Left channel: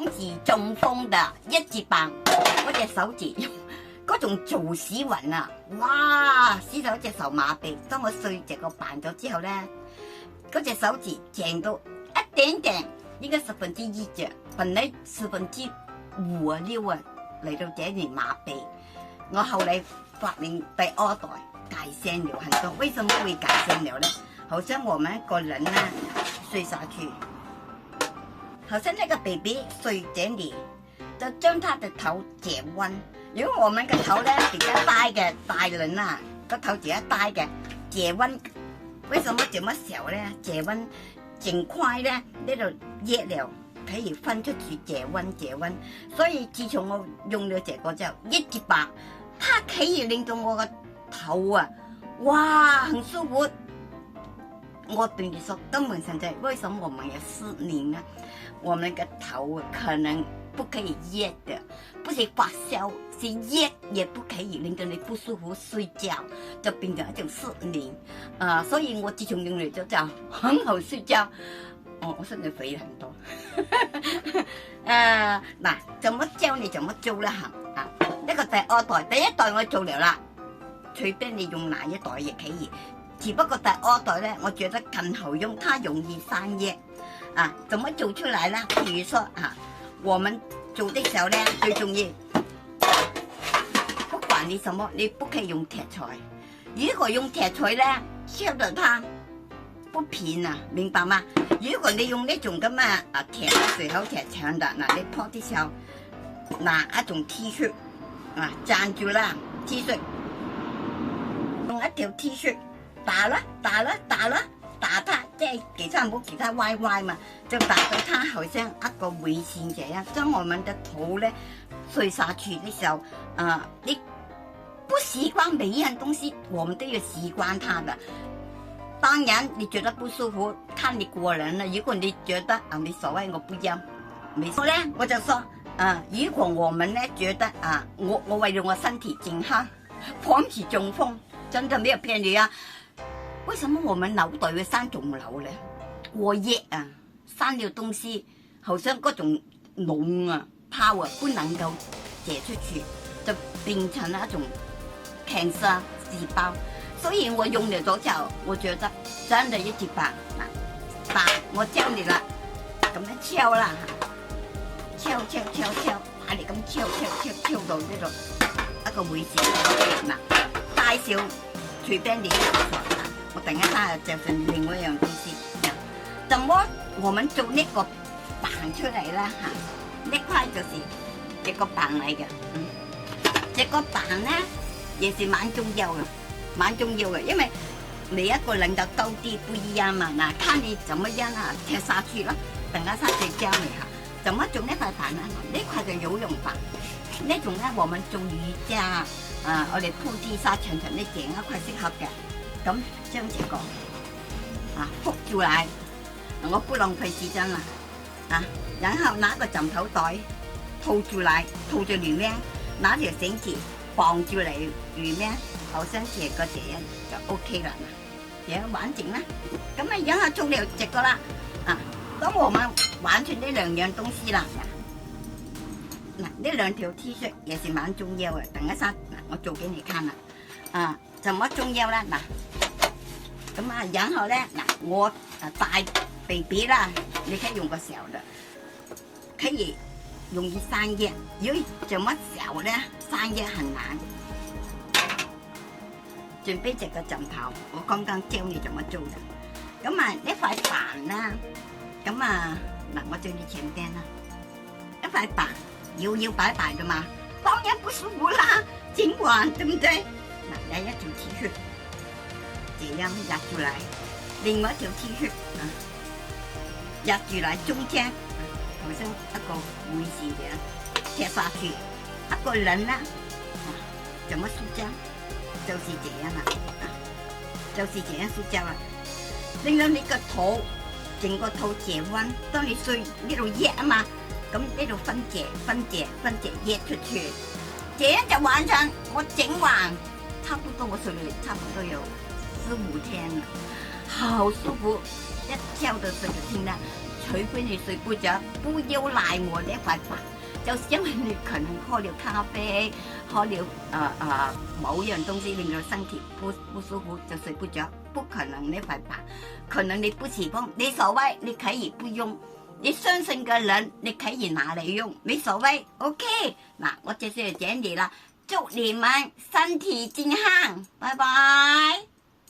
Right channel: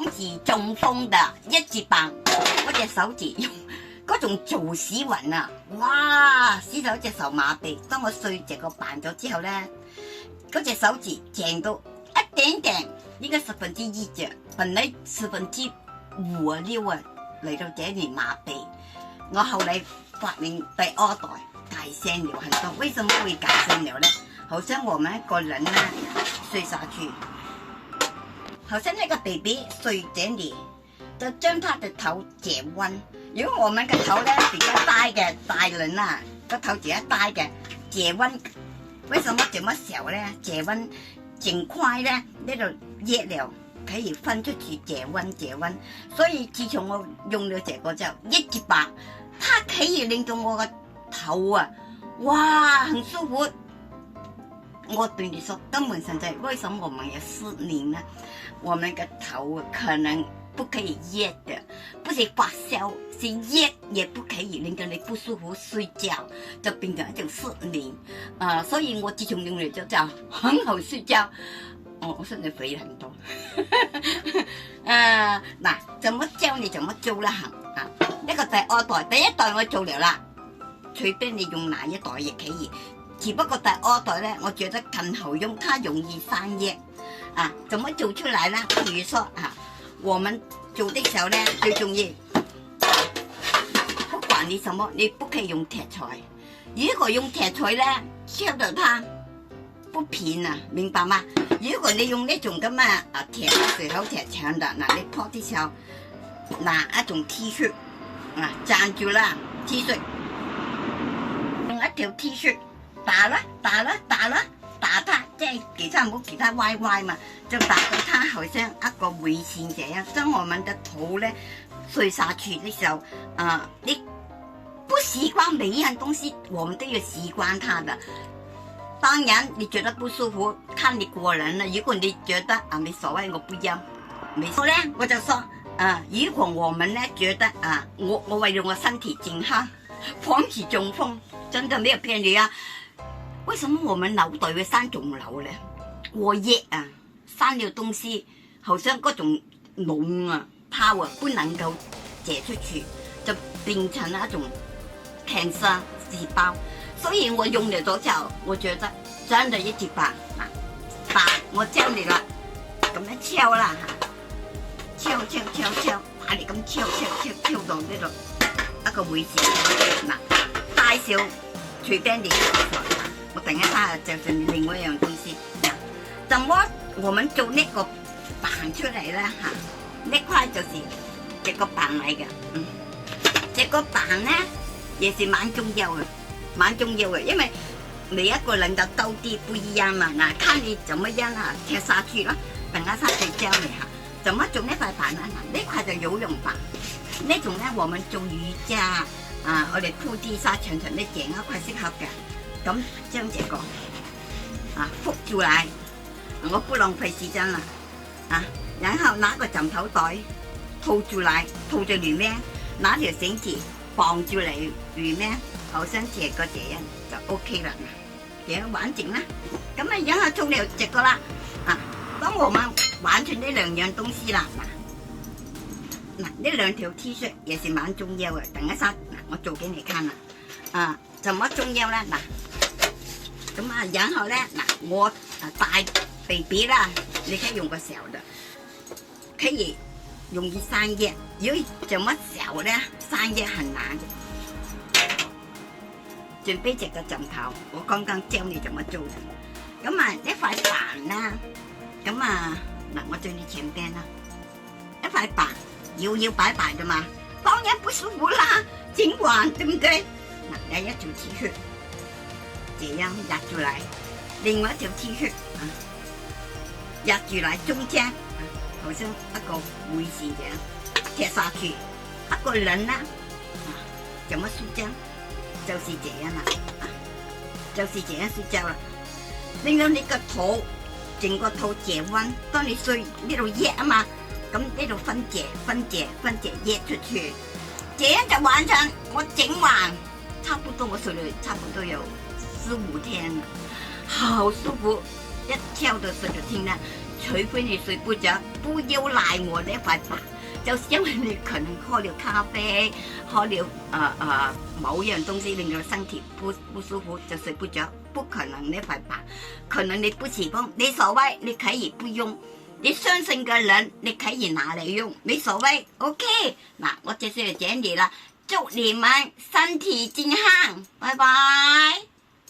防止中風的一字棒，我隻手指用嗰種做屎暈啊！哇，屎到隻手麻痹。當我碎隻個棒咗之後咧，嗰隻手指正到一點點，應該1/10隻，本來5/5啊6啊嚟到這裡麻痹。我後來發明第二代改善了很多。為什麼會改善了呢？好像我們個人呢睡下去，好像那個 baby 睡這裡，就將他的頭解溫。如果我們個頭呢比較大嘅大人啊，個頭比較大嘅解溫，為什麼這麼小呢？解溫盡快呢，呢度熱了可以分出去解溫。所以自從我用了這個之後，一節白，它可以令到我個頭啊，哇，很舒服。我對你說，根本上在為什麼我們有失眠呢？我們個頭可能不可以熱的，不是發燒，是熱也不可以令到你不舒服睡覺，就變成一種失眠。所以我自從用嚟咗就很好睡覺。我身體肥很多。嗱，怎麼教你怎麼做啦？呢個第二代，第一代我做了啦，隨便你用哪一代也可以。只不過第二代呢，我覺得更好用，它容易散熱。怎麼做出來呢？比如說我們做的時候呢，最重要，不管你什麼，你不可以用鐵錘。如果用鐵錘呢，燒到它不平啊，明白嗎？如果你用呢種咁嘅鐵水口鐵長的，你撲的時候，拿一種 T 恤站住啦 ，T 恤用一條 T 恤打它，即係其他唔好其他歪嘛，就打到它好像一個圍線這樣，將我們的頭呢睡下去的時候，你不習慣每一樣東西，我們都要習慣它的。當然你覺得不舒服，看你個人啦。如果你覺得沒所謂，我不要，沒錯咧，我就說如果我們呢覺得我為了我身體健康，防止中風，真的沒有騙你啊。為什麼我們腦袋會生腫瘤呢？過熱生了東西，好像嗰種膿泡不能夠解出去，就變成一種cancer細胞。所以我用了咗之後，我覺得真的一節白，我教你啦，咁樣敲啦，敲，把你咁敲到呢度一個位置，大小隨便你。我等一下就剩另外一樣東西，怎麼我們做呢個棒出嚟呢？呢塊就是這個棒嚟嘅，這個棒呢也是蠻重要嘅，因為每一個人的高低不一樣嘛。看你怎麼樣貼下去咯。等一下再教你怎麼做呢塊棒呢？呢塊就有用棒，呢種呢我們做瑜伽我哋鋪地沙長呢整一塊適合嘅。咁將這個覆住嚟，我不浪費時間啦然後拿個枕頭袋套住嚟，套住裏面，拿條繩子綁住嚟裏面，好像這個這樣就 OK 啦，這樣完整啦。咁然後做了這個啦當我們完成呢兩樣東西啦，呢兩條 T 恤也是蠻重要嘅。等一下我做給你看啦怎麼重要呢？咁然後呢我大 baby 啦，你可以用個小的，可以容易散熱。如果這麼小呢，散熱很難。準備這個枕頭，我剛剛教你怎麼做的。咁呢塊板啦，咁我在你前邊啦，一塊板搖搖擺擺的嘛，當然不舒服啦，緊管對不對？有一條 T 恤，這樣壓住來，另外一條 T 恤壓住來中間，好像一個位置這樣貼下去。一個人呢，怎麼睡覺？就是這樣啦，就是這樣睡覺啦，令到你個肚整個肚解溫。當你睡呢度熱啊嘛，咁呢度分解熱出去，這樣就完成。我整完。差不多我睡了差不多有4-5天了，好舒服，一覺到睡就聽啦，除非你睡不着，不要赖我那塊白，就是因為你可能喝了咖啡，喝了某樣東西令到身體不舒服就睡不着，不可能那塊白，可能你不喜歡，你所謂你可以不用，你相信嘅人你可以拿嚟用，你所謂 OK， 嗱我這次就講你啦，祝你們身體健康，拜拜。